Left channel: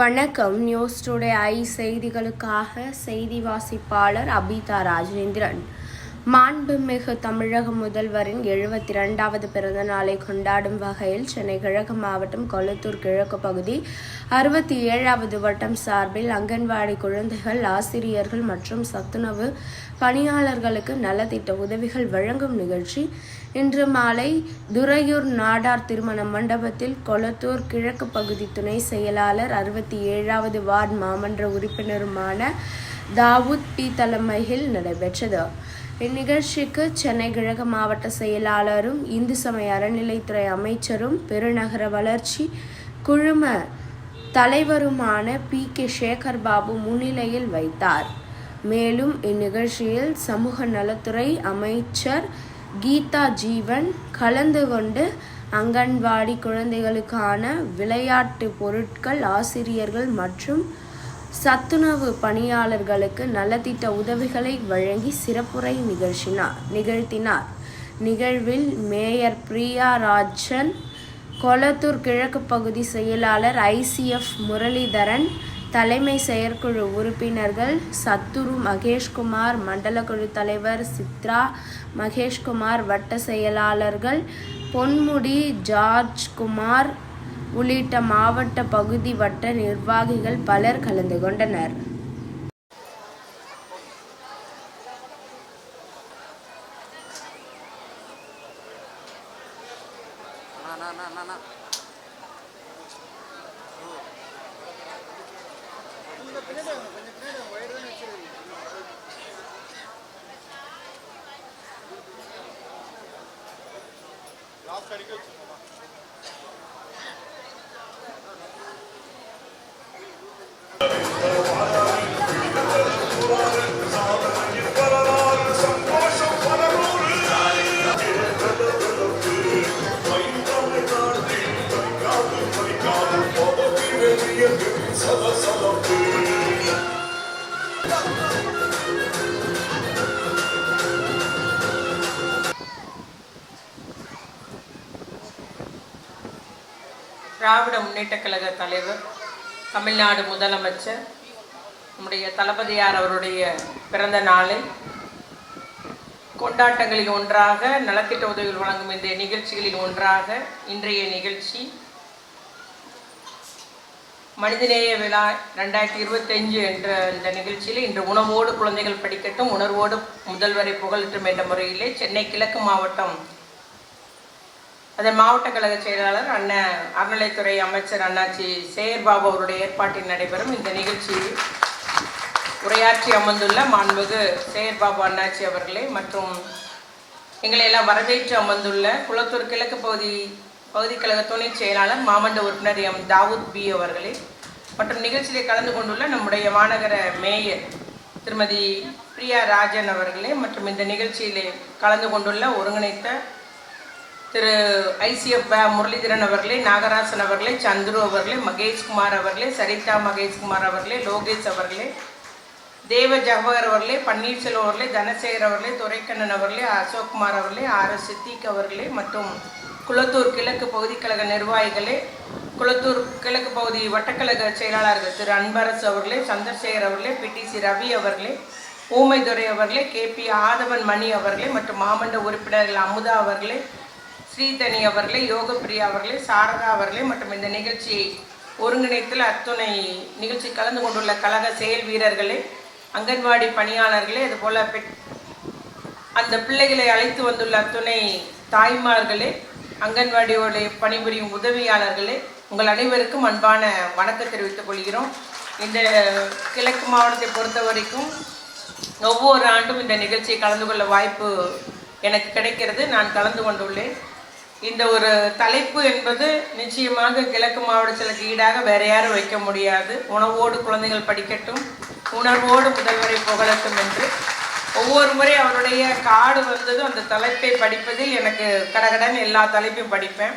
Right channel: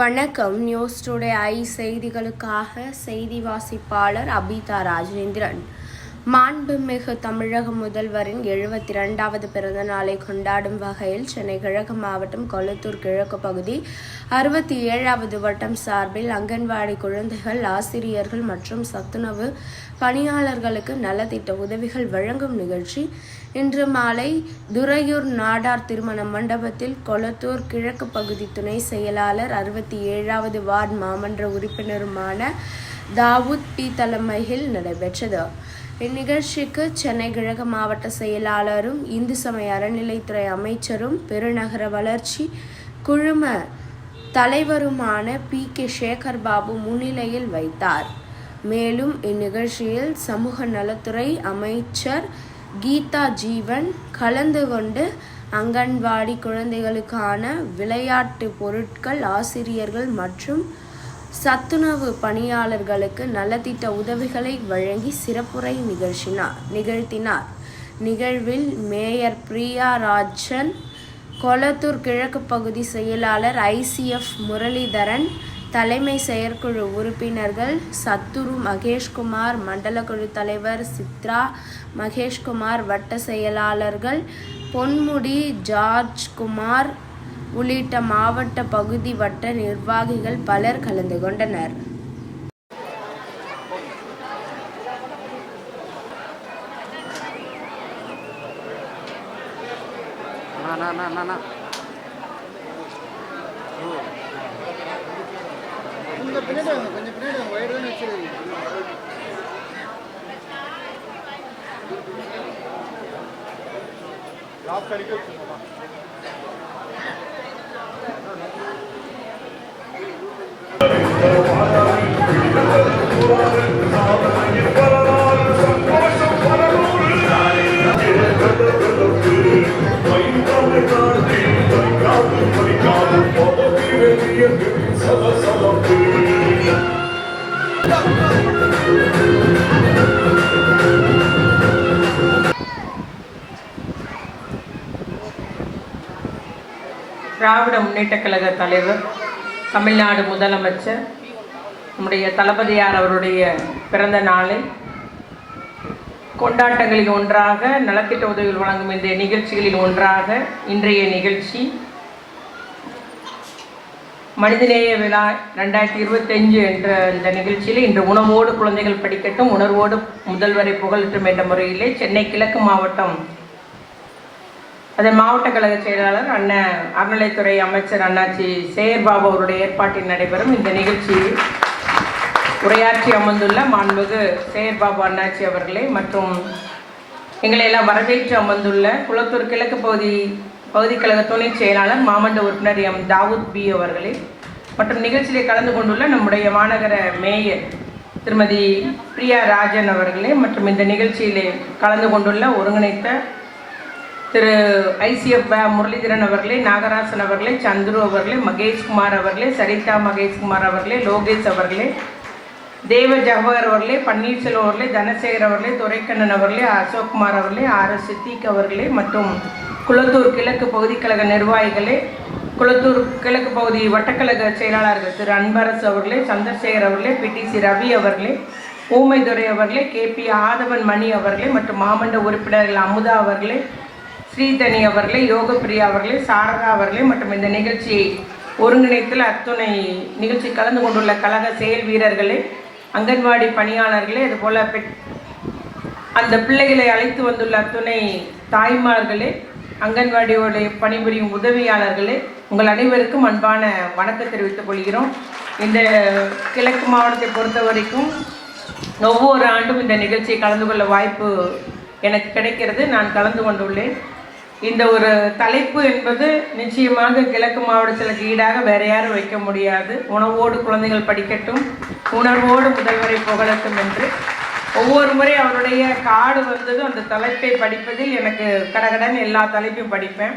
வணக்கம். News today I செய்திகளுக்காக செய்தி வாசிப்பாளர் அபிதா ராஜேந்திரன். மாண்புமிகு தமிழக முதல்வரின் 72வது பிறந்த நாளை கொண்டாடும் வகையில் சென்னை கிழக்கு மாவட்டம் கொளத்தூர் கிழக்கு பகுதி 67வது வட்டம் சார்பில் அங்கன்வாடி குழந்தைகள், ஆசிரியர்கள் மற்றும் சத்துணவு பணியாளர்களுக்கு நலத்திட்ட உதவிகள் வழங்கும் நிகழ்ச்சி இன்று மாலை துறையூர் நாடார் திருமண மண்டபத்தில் கொளத்தூர் கிழக்கு பகுதி துணை செயலாளர் 67வது வார்டு மாமன்ற உறுப்பினருமான தாவூத் பி தலைமையில் நடைபெற்றது. இந்நிகழ்ச்சிக்கு சென்னை கிழக்கு மாவட்ட செயலாளரும் இந்து சமய அறநிலைத்துறை அமைச்சரும் பெருநகர வளர்ச்சி குழும தலைவருமான PK சேகர் பாபு முன்னிலையில் வைத்தார். மேலும் இந்நிகழ்ச்சியில் சமூக நலத்துறை அமைச்சர் கீதா ஜீவன் கலந்து கொண்டு அங்கன்வாடி குழந்தைகளுக்கான விளையாட்டு பொருட்கள், ஆசிரியர்கள் மற்றும் சத்துணவு பணியாளர்களுக்கு நலத்திட்ட உதவிகளை வழங்கி சிறப்புரை நிகழ்த்தினார். நிகழ்வில் மேயர் பிரியா ராஜன், கொளத்தூர் கிழக்கு பகுதி செயலாளர் ICF முரளிதரன், தலைமை செயற்குழு உறுப்பினர்கள் சத்துரு மகேஷ்குமார், மண்டல குழு தலைவர் சித்ரா மகேஷ்குமார், வட்ட செயலாளர்கள் பொன்முடி ஜார்ஜ்குமார் உள்ளிட்ட மாவட்ட பகுதி வட்ட நிர்வாகிகள் பலர் கலந்து கொண்டனர். திராவிட முன்னேற்ற கழக தலைவர், தமிழ்நாடு முதலமைச்சர் நம்முடைய தளபதியார் அவருடைய பிறந்த நாளை கொண்டாட்டங்களில் ஒன்றாக, நலத்திட்ட உதவிகள் வழங்கும் இந்த நிகழ்ச்சிகளில் ஒன்றாக இன்றைய நிகழ்ச்சி மனிதநேய விழா 2025 என்ற இந்த நிகழ்ச்சியில் இன்று உணவோடு குழந்தைகள் படிக்கட்டும், உணர்வோடு முதல்வரை புகழட்டும் என்ற முறையிலே சென்னை கிழக்கு மாவட்டம் அதன் மாவட்ட கழக செயலாளர் அண்ணன் அறநிலைத்துறை அமைச்சர் அண்ணாச்சி சேகர் பாபு அவருடைய ஏற்பாட்டில் நடைபெறும் இந்த நிகழ்ச்சியில் உரையாற்றி அமர்ந்துள்ள மாண்புமிகு சேகர் பாபு அண்ணாச்சி அவர்களே மற்றும் எங்களை எல்லாம் வரவேற்று அமர்ந்துள்ள குளத்தூர் கிழக்கு பகுதி கழக துணை செயலாளர் மாமன்ற உறுப்பினர் தாவூத் பி அவர்களே மற்றும் நிகழ்ச்சியிலே கலந்து கொண்டுள்ள நம்முடைய மாநகர மேயர் திருமதி பிரியா ராஜன் அவர்களே மற்றும் இந்த நிகழ்ச்சியிலே கலந்து கொண்டுள்ள ஒருங்கிணைத்த திரு ICF முரளிதரன் அவர்களே, நாகராசன் அவர்களே, சந்துரு அவர்களே, மகேஷ்குமார் அவர்களே, சரிதா மகேஷ்குமார் அவர்களே, லோகேஷ் அவர்களே, தேவ ஜவஹர் அவர்களே, பன்னீர்செல்வம் அவர்களே, தனசேகர் அவர்களே, துரைக்கண்ணன் அவர்களே, அசோக்குமார் அவர்களே, RS சித்திக் அவர்களே மற்றும் குளத்தூர் கிழக்கு பகுதி கழக நிர்வாகிகளே, குளத்தூர் கிழக்கு பகுதி வட்டக்கழக செயலாளர்கள் திரு அன்பரசு அவர்களே, சந்திரசேகர் அவர்களே, PTC ரவி அவர்களே, ஊமைதுரை அவர்களே, KP ஆதவன் மணி அவர்களே மற்றும் மாமன்ற உறுப்பினர்கள் அமுதா அவர்களே, ஸ்ரீதனி அவர்களே, யோகப்பிரியா அவர்களே, சாரதா அவர்களே மற்றும் இந்த நிகழ்ச்சியை ஒருங்கிணைத்தில் அத்துணை நிகழ்ச்சி கலந்து கொண்டுள்ள கழக செயல் வீரர்களே, அங்கன்வாடி பணியாளர்களே, அதுபோல் அந்த பிள்ளைகளை அழைத்து வந்துள்ள அத்துணை தாய்மார்களே, அங்கன்வாடியோடைய பணிபுரியும் உதவியாளர்களே, உங்கள் அனைவருக்கும் அன்பான வணக்கம் தெரிவித்துக் கொள்கிறோம். இந்த கிழக்கு மாவட்டத்தை பொறுத்த வரைக்கும் ஒவ்வொரு ஆண்டும் இந்த நிகழ்ச்சியை கலந்து கொள்ள வாய்ப்பு எனக்கு கிடைக்கிறது. நான் கலந்து கொண்டுள்ளேன். இந்த ஒரு தலைப்பு என்பது நிச்சயமாக கிழக்கு மாவட்டத்திற்கு ஈடாக வேற யாரும் வைக்க முடியாது. உணவோடு குழந்தைகள் படிக்கட்டும், உணர்வோடு முதல்வரை புகழட்டும் என்று ஒவ்வொரு முறை அவருடைய கார்டு வந்ததும் அந்த தலைப்பை படிப்பதில் எனக்கு கடகடன் எல்லா தலைப்பையும் படிப்பேன்.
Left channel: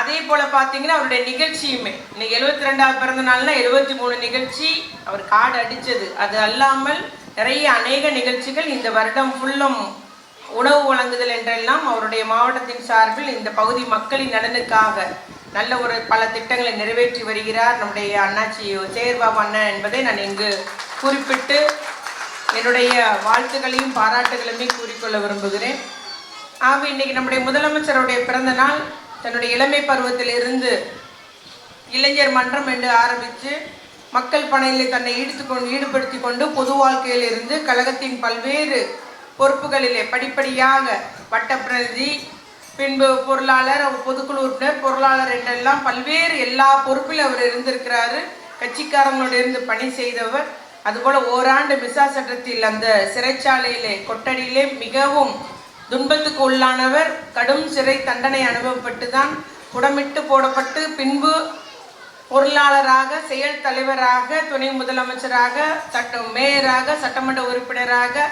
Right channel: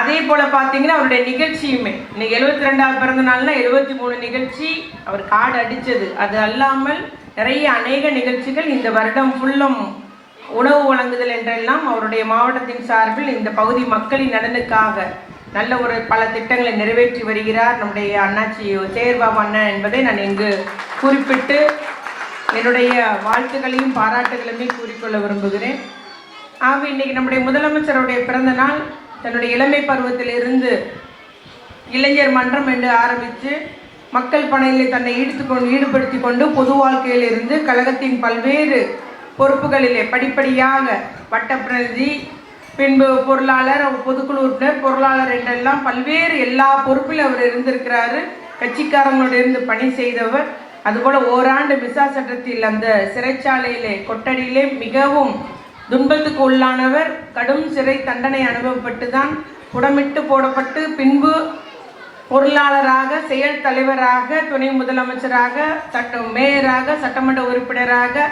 அதே போல பார்த்தீங்கன்னா அவருடைய நிகழ்ச்சியுமே இன்னைக்கு 72வது பிறந்த நாள்னா 73 நிகழ்ச்சி அவர் கார்டு அடித்தது. அது அல்லாமல் நிறைய அநேக நிகழ்ச்சிகள் இந்த வருடம் ஃபுல்லும் உணவு வழங்குதல் என்றெல்லாம் அவருடைய மாவட்டத்தின் சார்பில் இந்த பகுதி மக்களின் நலனுக்காக நல்ல ஒரு பல திட்டங்களை நிறைவேற்றி வருகிறார் நம்முடைய அண்ணாச்சி சேகர்பாபு அண்ணன் என்பதை நான் இங்கு குறிப்பிட்டு என்னுடைய வாழ்த்துக்களையும் பாராட்டுகளையுமே கூறிக்கொள்ள விரும்புகிறேன். ஆகவே இன்னைக்கு நம்முடைய முதலமைச்சருடைய பிறந்த நாள். தன்னுடைய இளமை பருவத்தில் இருந்து இளைஞர் மன்றம் என்று ஆரம்பித்து மக்கள் பணியில் தன்னை ஈடுபடுத்தி கொண்டு பொது வாழ்க்கையில் இருந்து கழகத்தின் பல்வேறு பொறுப்புகளிலே படிப்படியாக வட்டப்பிரதி, பின்பு பொருளாளர், பொதுக்குழு உறுப்பினர், பொருளாளர் என்றெல்லாம் பல்வேறு எல்லா பொறுப்பில் அவர் இருந்திருக்கிறாரு. கட்சிக்காரங்களோடு இருந்து பணி செய்தவர். அதுபோல் ஓராண்டு மிசா சட்டத்தில் அந்த சிறைச்சாலையிலே கொட்டடியிலே மிகவும் துன்பத்துக்கு உள்ளானவர். கடும் சிறை தண்டனை அனுபவப்பட்டு தான் புடமிட்டு போடப்பட்டு பின்பு பொருளாளராக, செயல் தலைவராக, துணை முதலமைச்சராக, மேயராக, சட்டமன்ற உறுப்பினராக,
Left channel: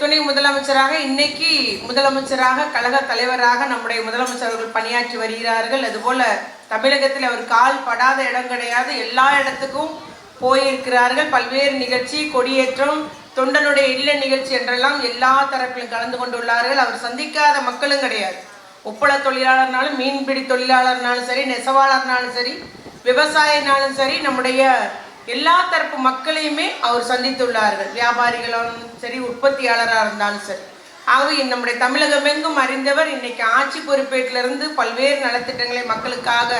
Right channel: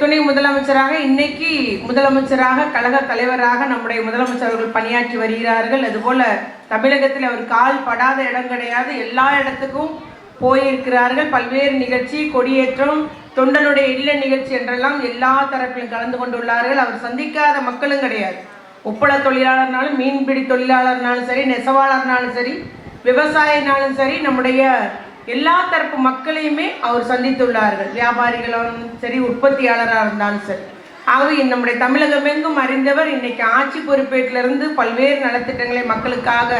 துணை முதலமைச்சராக, இன்னைக்கு முதலமைச்சராக, கழக தலைவராக நம்முடைய முதலமைச்சர் அவர்கள் பணியாற்றி வருகிறார்கள். அதுபோல தமிழகத்தில் அவர் கால் படாத இடம் கிடையாது. எல்லா இடத்துக்கும் போயிருக்கிறார்கள். பல்வேறு நிகழ்ச்சி, கொடியேற்றம், தொண்டனுடைய இல்ல நிகழ்ச்சி என்றெல்லாம் எல்லா தரப்பிலும் கலந்து கொண்டுள்ளார்கள். அவர் சந்திக்காத மக்களும் கிடையாது. உப்பள தொழிலாளர்னாலும், மீன்பிடி தொழிலாளர்னாலும் சரி, நெசவாளர்னாலும் சரி, விவசாயினாலும் சரி, நம்முடைய எல்லா தரப்பு மக்களையுமே அவர் சந்தித்துள்ளார்கள். வியாபாரிகளும் சரி, உற்பத்தியாளராக இருந்தாலும் சரி. ஆகவே நம்முடைய தமிழகமெங்கும் அறிந்தவர். இன்னைக்கு ஆட்சி பொறுப்பேற்றிலிருந்து பல்வேறு நலத்திட்டங்களை மக்களுக்காக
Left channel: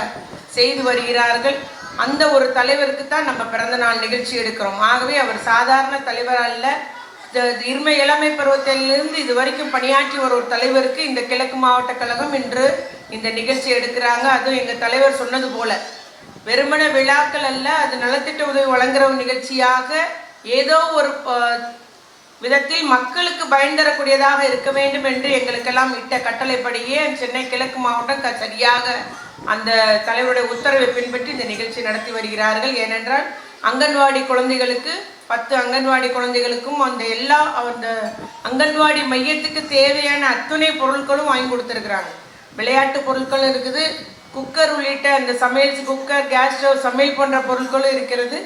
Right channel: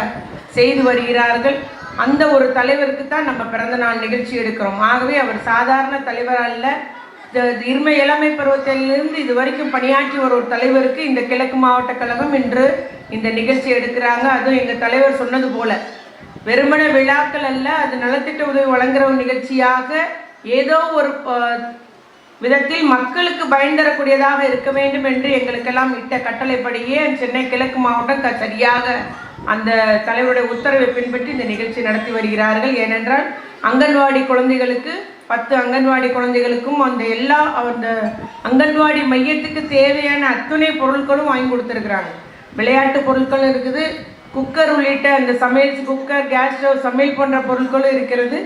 செய்து வருகிறார்கள். அந்த ஒரு தலைவருக்கு தான் நம்ம பிறந்த நாள் நிகழ்ச்சி எடுக்கிறோம். ஆகவே அவர் சாதாரண தலைவர் அல்ல. இளமை பருவத்திலிருந்து இது வரைக்கும் பணியாற்றி ஒரு தலைவருக்கு இந்த கிழக்கு மாவட்ட கழகம் இன்று இந்த நிகழ்ச்சி எடுக்கிறாங்க. அதுவும் எங்கள் தலைவர் சொன்னது போல வெறுமன விழாக்கள் அல்ல, அது நலத்திட்ட உதவி வழங்குற ஒரு நிகழ்ச்சியாக ஏதோ ஒரு விதத்தில் மக்களுக்கு பயன் தரக்கூடியதாக இருக்க வேண்டும் என்று எங்களுக்கெல்லாம் இட்ட கட்டளைப்படியே சென்னை கிழக்கு மாவட்டம் சரியாக அந்த தலைவருடைய உத்தரவை பின்பற்றி இந்த நிகழ்ச்சி நடத்தி வருகிறார்கள். ஏனென்றால் அங்கன்வாடி குழந்தைகளுக்கு 10 அங்கன்வாடி குழந்தைகளுக்கும் அந்த அங்கன்வாடி மையத்துக்கு தேவையான அத்துணை பொருட்களும் வாங்கி கொடுத்துருக்குறாங்க. விளையாட்டு பொருட்களும் இருக்குது, குக்கர் உள்ளிட்ட அந்த சமையல் குக்கர், கேஸ் ஸ்டவ், சமையல் போன்ற பொருட்களும் இருக்கிறது.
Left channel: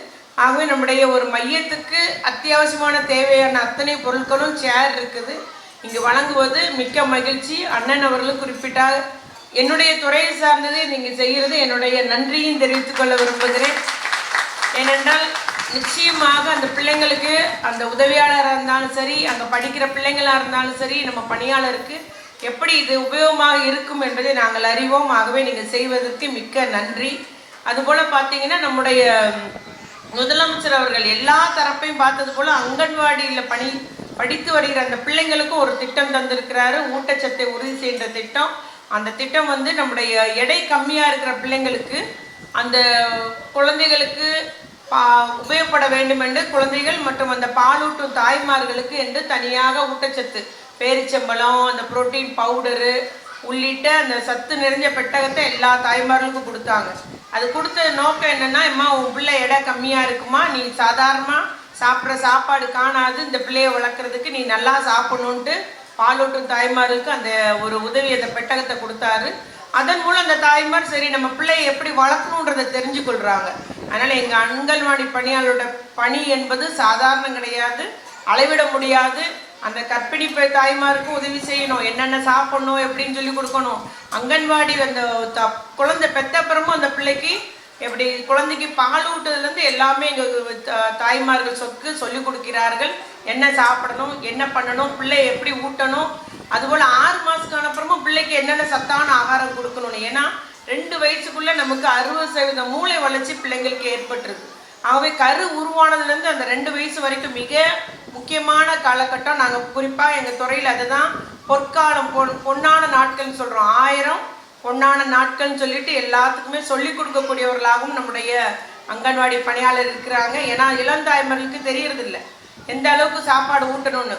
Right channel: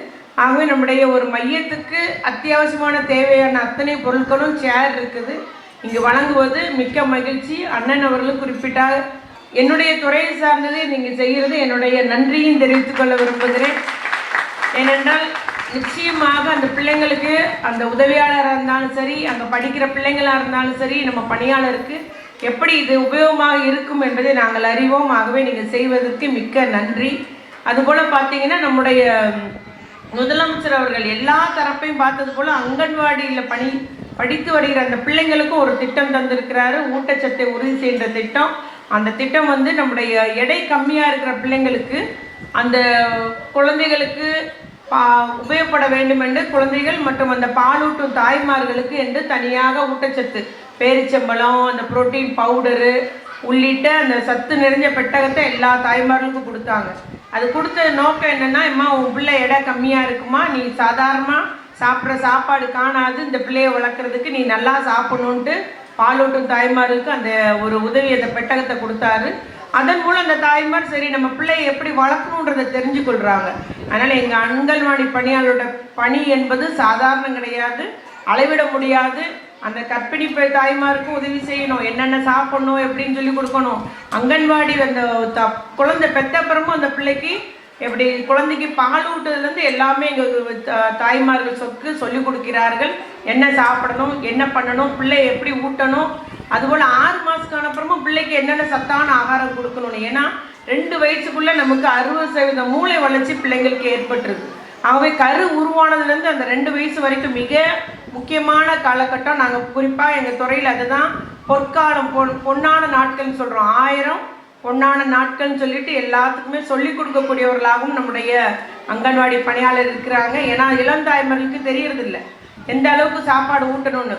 ஆகவே நம்முடைய ஒரு மையத்துக்கு அத்தியாவசியமான தேவையான அத்தனை பொருட்களும் சேர் இருக்குது. இங்கு வழங்குவது மிக்க மகிழ்ச்சி. அண்ணன் அவர்களும் குறிப்பிட்டார். என்னுடைய துறையை சார்ந்தது நீங்கள் செய்கிறது என்னுடைய நன்றியும் தெரிவித்துக் கொள்ள விரும்புகிறேன். ஏனென்றால் நிச்சயமாக அந்த பிள்ளைங்களுக்கு, அந்த உதவியாளராக இருந்தாலும் சரி, அங்கே படிக்கிற பிள்ளைங்களாக இருந்தாலும் சரி, நம்ம பணியாளருக்கு எப்படி இது உபயோகமாக இருக்கும் என்பதை நாங்கள் அறிவோம். ஆகவே நீங்கள் செய்வதற்கு மிக்க நன்றி. அதுபோல் பார்த்தீங்கன்னா நம்முடைய முதலமைச்சர் அவர்கள் எல்லா தரப்பையும் பார்த்தது போல் அங்கன்வாடியில் படித்து வருகிற அந்த பிள்ளைங்களுக்கும் ஒரு திட்டம் தந்திருக்கிறாரு. ஊட்டச்சத்தை உறுதி செய்கிற திட்டம். அந்த திட்டம் நம்முடைய எடை கம்மியாக இருக்கிற பிள்ளைங்களுக்கு, அந்த குழந்தைகளுக்கு உபயோகப்பட வேண்டும் என்று குழந்தைகள் மற்றும் அந்த பாலூட்டும் தாய்மார்களுக்கு என்று தனியாக ஊட்டச்சத்து, பேரிச்சம்பழம், அந்த புரோட்டீன் பவுடரு உள்ளிட்ட அந்த சத்து நிறைஞ்ச பெட்டகத்தை எல்லா தாய்மார்களுக்கும் கொடுத்தாங்க. அது கொடுத்த நோக்கம் என்னன்னா, அம்மா உன் பிள்ளை எடை கம்மியாக இருக்குமா, நீ சாதாரணமாக சாப்பிட்ற சாப்பாடு காணாது, இந்த பிள்ளையை வளர்க்குறதுக்கு நீ நல்லா சாப்பிடணுன்ட்டு பாலூட்டும் தாய்மார்களுக்கு அந்த ஒரு உதவி, அந்த பெட்டகத்தை கொடுத்தாரு. அதன் மூலம் அந்த தாய்மார் சரி நம்ம பிள்ளையை எப்படி வளர்க்கணுன்றதை தெரிஞ்சு கொள்கிறாங்க. அதனால் எங்கள் அங்கன்வாடி பணியாளரோட பணி என்பது சாதாரணம் கிடையாது, அளவிட முடியாது. அந்த கர்ப்பிணி தாய்மாருக்கும் உதவி செய்யணும், என்னென்ன சாப்பிடணும் எப்படின்னு சொல்லி கொடுக்கணும். அங்கன்வாடி அந்த குழந்தை பெற்றப்புறமும் அந்த பிள்ளைக்கு எப்படி குழந்தைக்கு பால் ஊட்டுறதுலேருந்து எல்லாமே எங்கள் தாய்மார்கள் சொல்லி கொடுக்கிறார்கள். என்ன சாப்பிடணும், என்ன பண்ணணும், பிள்ளை எப்படி ஊட்டணும். அதுபோல் 6 மாதத்துக்கான அப்புறமும் பிள்ளைக்கு என்னென்ன சத்தான ஆகாரம் கொடுக்கணும்னு. ஏன்னா 2 வயசுக்குள்ளே நமக்கு 60% மூளை வளர்ச்சி பிள்ளைங்களுக்கு ஏற்பட்டுருது. ஆகவே கரு உருவானதுலேருந்து அந்த 2 வயசு வரைக்கும் மிக முக்கியமான காலகட்டம். நாங்கள் குறிப்பாக எங்கள் துறையில் அதுதான் பொற்காலம், பொன்னான நாட்கள்னு சொல்கிறோம். 1000 பொன்னான நாட்கள்னு சொல்லிட்டு எல்லாத்துக்குமே சொல்லி கொடுக்கக்கூடியவர்களாகவும் நம்முடைய அங்கன்வாடி பணியாளர் இருக்கிறாங்க. ஏன்னா இளந்தாய்மர்களுக்கு தெரியறதில்லை எந்த அளவுக்கு சாப்பாடு ஊட்டணும்னு.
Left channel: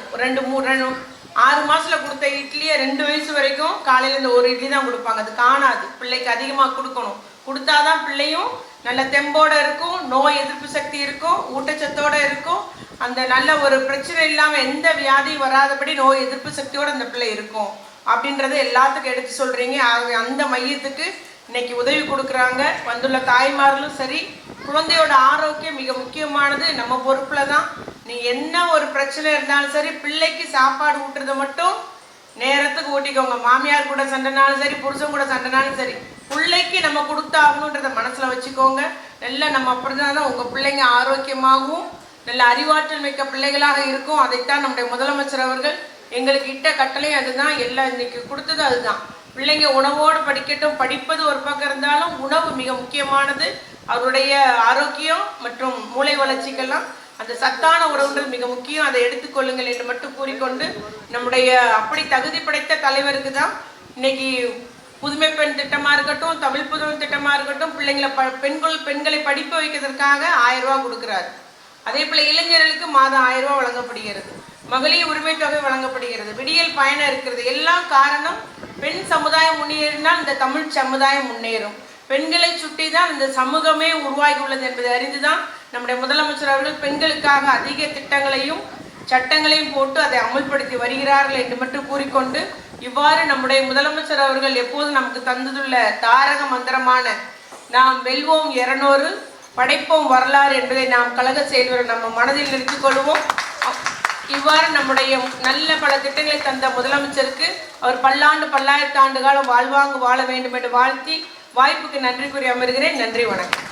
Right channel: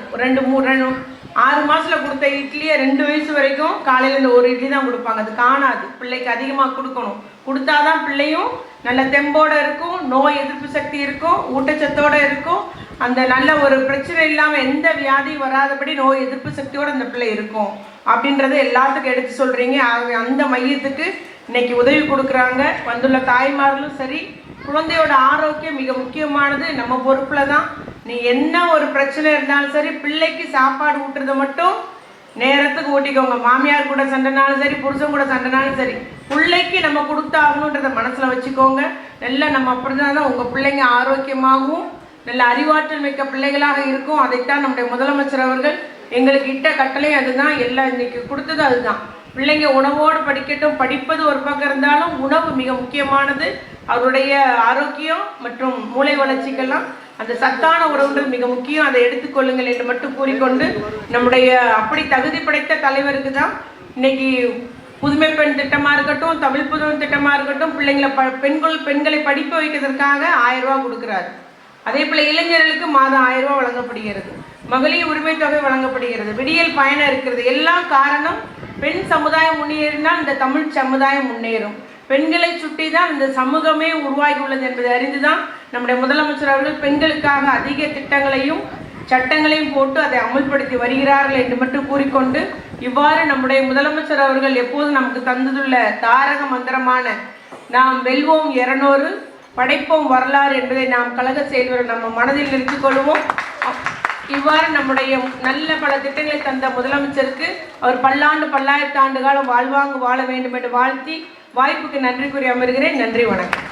6 மாதத்தில் கொடுத்த இட்லியை 2 வயசு வரைக்கும் காலையில் இந்த ஒரு இட்லி தான் கொடுப்பாங்க. அது காணாது. பிள்ளைக்கு அதிகமாக கொடுக்கணும். கொடுத்தாதான் பிள்ளையும் நல்ல தெம்போடு இருக்கும், நோய் எதிர்ப்பு சக்தி இருக்கும், ஊட்டச்சத்தோடு இருக்கும், அந்த நல்ல ஒரு பிரச்சனை இல்லாமல் எந்த வியாதியும் வராதபடி நோய் எதிர்ப்பு சக்தியோடு அந்த பிள்ளை இருக்கும் அப்படின்றத எல்லாத்துக்கும் எடுத்து சொல்கிறீங்க. அந்த மையத்துக்கு இன்னைக்கு உதவி கொடுக்குறாங்க. வந்துள்ள தாய்மார்களும் சரி, குழந்தையோட ஆரோக்கியம் மிக முக்கியமானது. நம்ம பொறுப்பில் தான். நீ என்ன ஒரு பிரச்சனை இருந்தாலும் சரி, பிள்ளைக்கு சாப்பாடு ஊட்டுறதை மட்டும் நேரத்துக்கு ஊட்டிக்கோங்க. மாமியார் கூட சண்டைனாலும் சரி, புருஷன் கூட சண்டைனாலும் சரி, பிள்ளைக்கு நம்ம கொடுத்தாகணுன்றத மனசில் வச்சுக்கோங்க. நல்லா நம்ம அப்படிதான் உங்கள் பிள்ளைங்க ஆரோக்கியமாகவும் நல்ல அறிவாற்றல் மிக்க பிள்ளைகளாக இருக்கும். அதைத்தான் நம்முடைய முதலமைச்சர் அவர்கள் எங்களுக்கு இட்ட கட்டளை அதுதான். எல்லாம் இன்னைக்கு கொடுத்தது அதுதான். பிள்ளைங்க உணவோடு படிக்கட்டும். படிப்பது ஒரு பக்கம் இருந்தாலும் உணவு மிக முக்கியமானது. அவருடைய ஆரோக்கியம் மற்றும் மூளை வளர்ச்சிக்கெல்லாம் அந்த சத்தான உணவுன்றது மிக முக்கியம். அதை எடுத்துக்கொள்ளுங்கள் என்று மட்டும் கூறிக்கொண்டு, நம்முடைய அப்படி தகுதி படைத்த தலைவருக்கு தான் இன்னைக்கு புதுமை பெண் திட்டமா இருக்கட்டும், தமிழ் புதுமை திட்டமா இருக்கட்டும், பிள்ளைங்களை பெண்களை படிக்க வைக்கிறதுக்காக 1000 ரூபாய் கொடுக்கிறார். அதே போல இளைஞர்களுக்கு மாதம் 1000 ரூபாய் வழங்கப்படுகிறது. மகளிர் உரிமை தொகை வழங்கப்படுகிறது. விடியல் பயணம் இருக்கிறது. எல்லாம் காரணம் பெண் சமுதாயம் முன்னேறினால் இந்த தமிழ் சமுதாயம் முன்னேறும். பெண்களை சுட்டி தான் இந்த சமூகமே உருவாகி உள்ளது என்பதை அறிந்துதான் நம்முடைய முதலமைச்சர் அவர்கள் பெண்களுக்காக அதிக திட்டங்களையும் சட்டங்களையும் போட்டு அதை அமல்படுத்தி வருகிறார்கள் என்று மட்டும் கூறிக்கொண்டு, இவ்வாறு நம்முடைய முதலமைச்சர் அவர்கள் எப்போதும் நமக்கு தந்ததுள்ள தாரக மந்திரமான நாம் வெல்வோம் 200 படைப்போம் வரலாறு என்பதை நாம் கழக செயல்வர் நம்ம மனதில் நிறுத்திக் கொள்வோம். இவ்வாறு நம்முடைய நல்ல பல திட்டங்களை தந்த முதலமைச்சருக்கு அவர் பல்லாண்டு பல்லாயிரத்து ஆண்டு காலம் வாழ்வாங்கு வாழ வேண்டும் என்று வாழ்த்தி வாய்ப்புக்கு நன்றி கூறி அமர்கிறேன். நன்றி, வணக்கம்.